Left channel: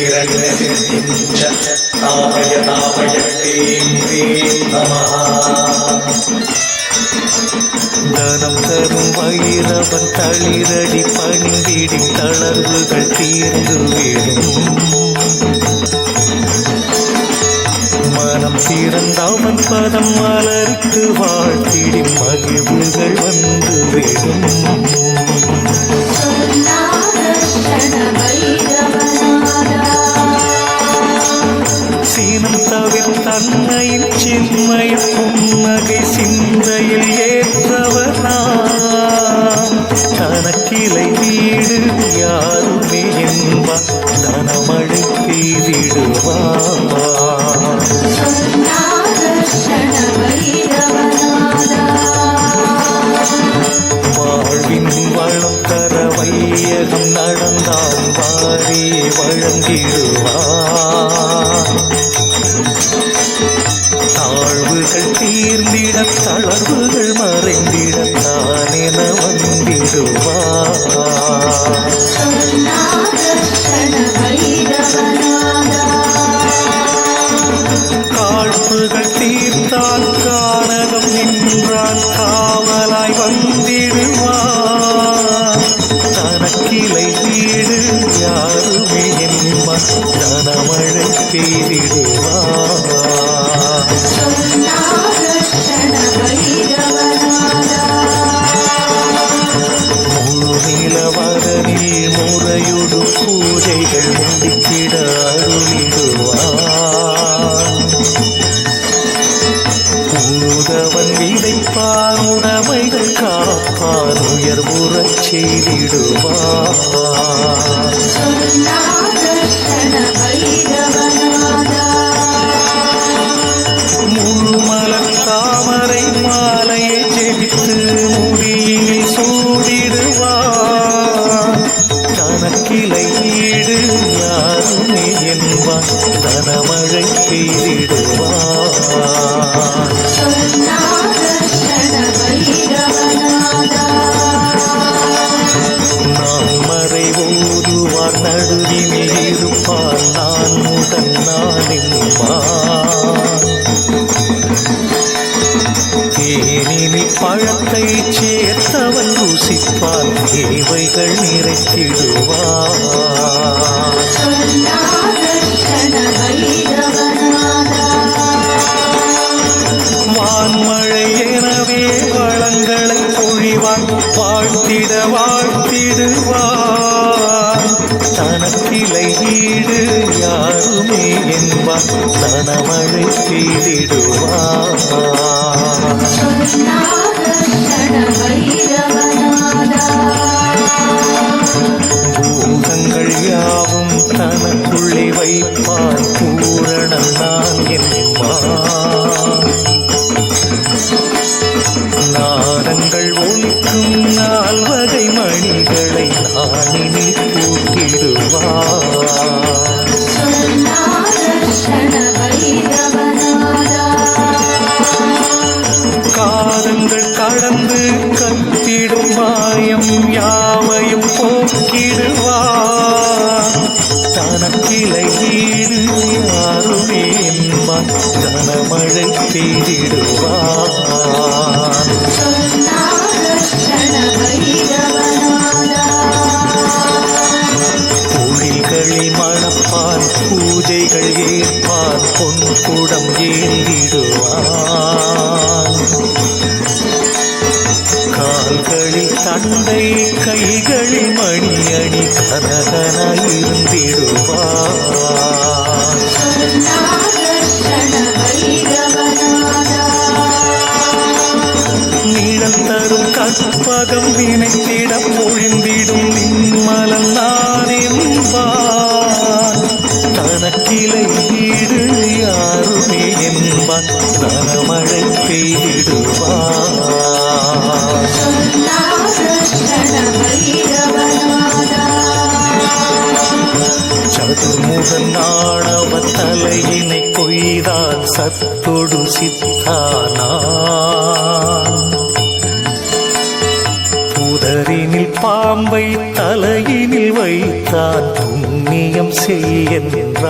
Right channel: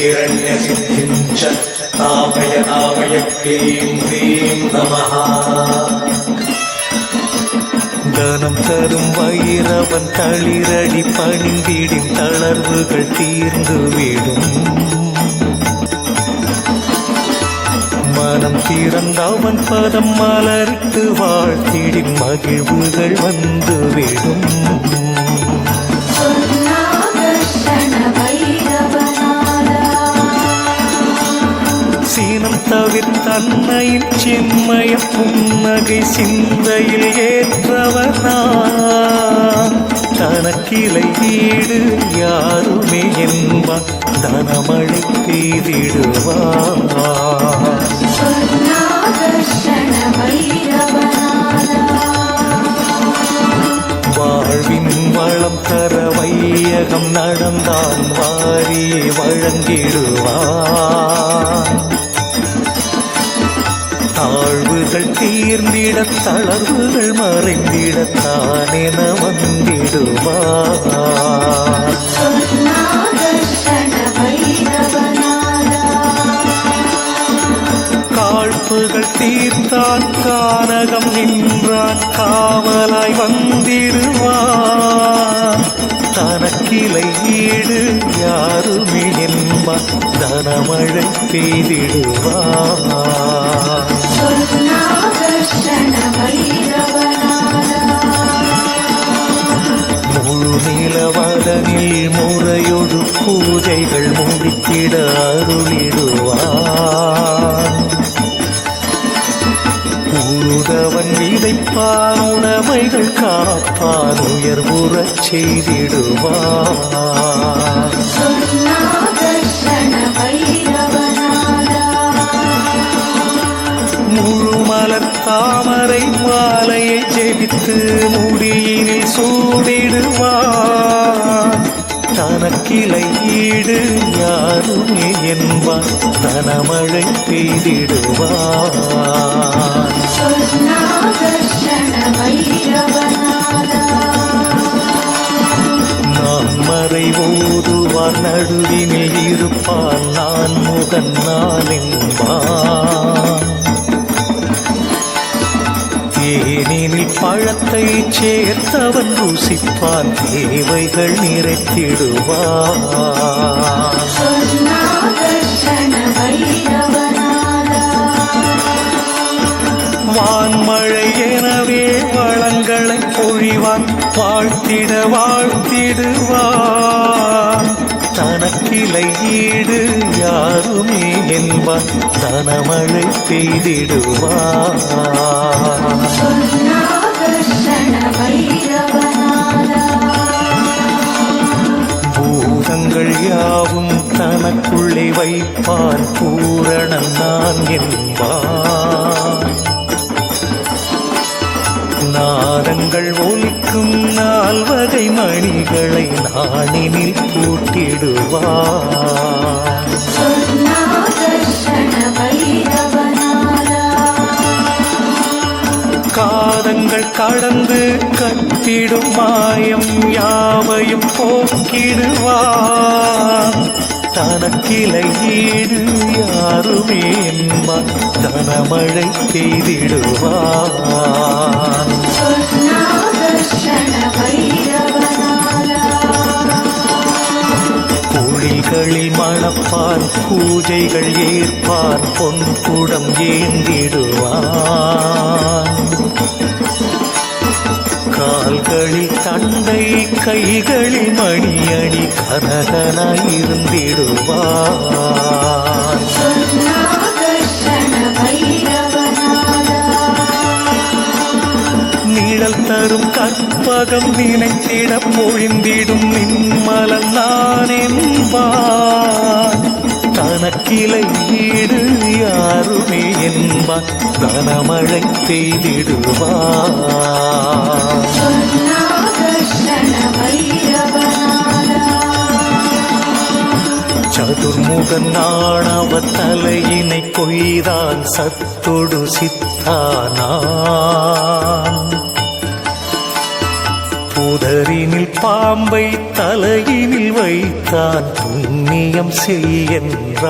ഹിരണ്യസിദ്ധിം ച താപയ താപയ നമഃ தனம் தரும் வயிறவன் தளிரடி பணிந்திடும் தளர்வுகள் தீர்ந்துவிடும் மனம் திறந்தவன் பதம் மலரித்து வாழ்த்திடும் மகிழ்வுகள் வந்துவிடும் சீனம் தவிர்த்தன்னையின் செம்மைய புன்னகை சிந்தையில் ஏற்றவனாம் தனக்கிளை வீடு யாருமே என்பான் தனமழை பெய்திடுவான் வாழ்வின் தர வையகம் நடந்தான் வாரி வழங்கிடுவான் தாழ்வுகள் தீர்ந்திட தளர்வுகள் மறைந்திடத்தான் என வந்திடுவான் காழ்ப்புகள் தீர்த்தான் கானகம் நின்றான் காவலாய் வந்திடுவான். தனக்கிளை ஈடு யாருமே என்பான் தனமழை பெய்திடுவான். நிலவதனில் முறையொடு பூஜைகள் முடித்திட அருளிடுவான். உழுதவன் விதைப்பான் உடைமைகள் காப்பான் உயர்வுறச் செய்திடுவான். முழு மலர் தாமரை மாலையை ஜெபித்து முடியினில் சூடிடுவான். தனக்கிளையீடு யாருமே என்பான் தனமழை பெய்திடுவான். நான் மறை ஓதுவார் நடுவினில் இருப்பான் நான் முகன் நான் என்பான். தேனினில் பழத்தை சேர்த்தவன் ருசிப்பான் தேவைகள் நிறைத்திடுவான். வான்மழை எனவே வளங்களை பொழிவான் வாழ்த்திட வாழ்த்திடுவான். தனக்கிளை ஈடு யாருமே என்பான் தனமழை பெய்திடுவான் பூதங்கள் யாவும் தனக்குள்ளே வைப்பான் பூரணன் நான் என்பான் நாதங்கள் ஒழிக்கும் நால்வகை மணிகளை நாணினில் பூட்டிடுவான் காதங்கள் கடந்து கட்டிடும் மாயம் யாவையும் போக்கிடுவார். தனக்கிளை ஈடு யாருமே என்பான் கனமழை பெய்திடுவான். பொழில்களில் மணப்பான் பூஜைகள் ஏற்பான் பொன் குடம் ஏந்திடுவான். கால்களில் தந்தை கைகளில் மணி அணி கனகனாயிருந்திடுவான் நிழல் தரும் கற்பகம் நினைத்திட பொழிந்திடும் நின்மலன் நான் என்பான் தனக்கிளை ஈடு யாருமே என்பார். தனமழை பெய்திடுவார். சதுர்முகன் ஆணவ தலையினை கொய்தான். சத்தொடு சித்தானான். புதரினில் பாம்பை தலையினில் வைத்தான் புண்ணியம் செய்யென்றான்.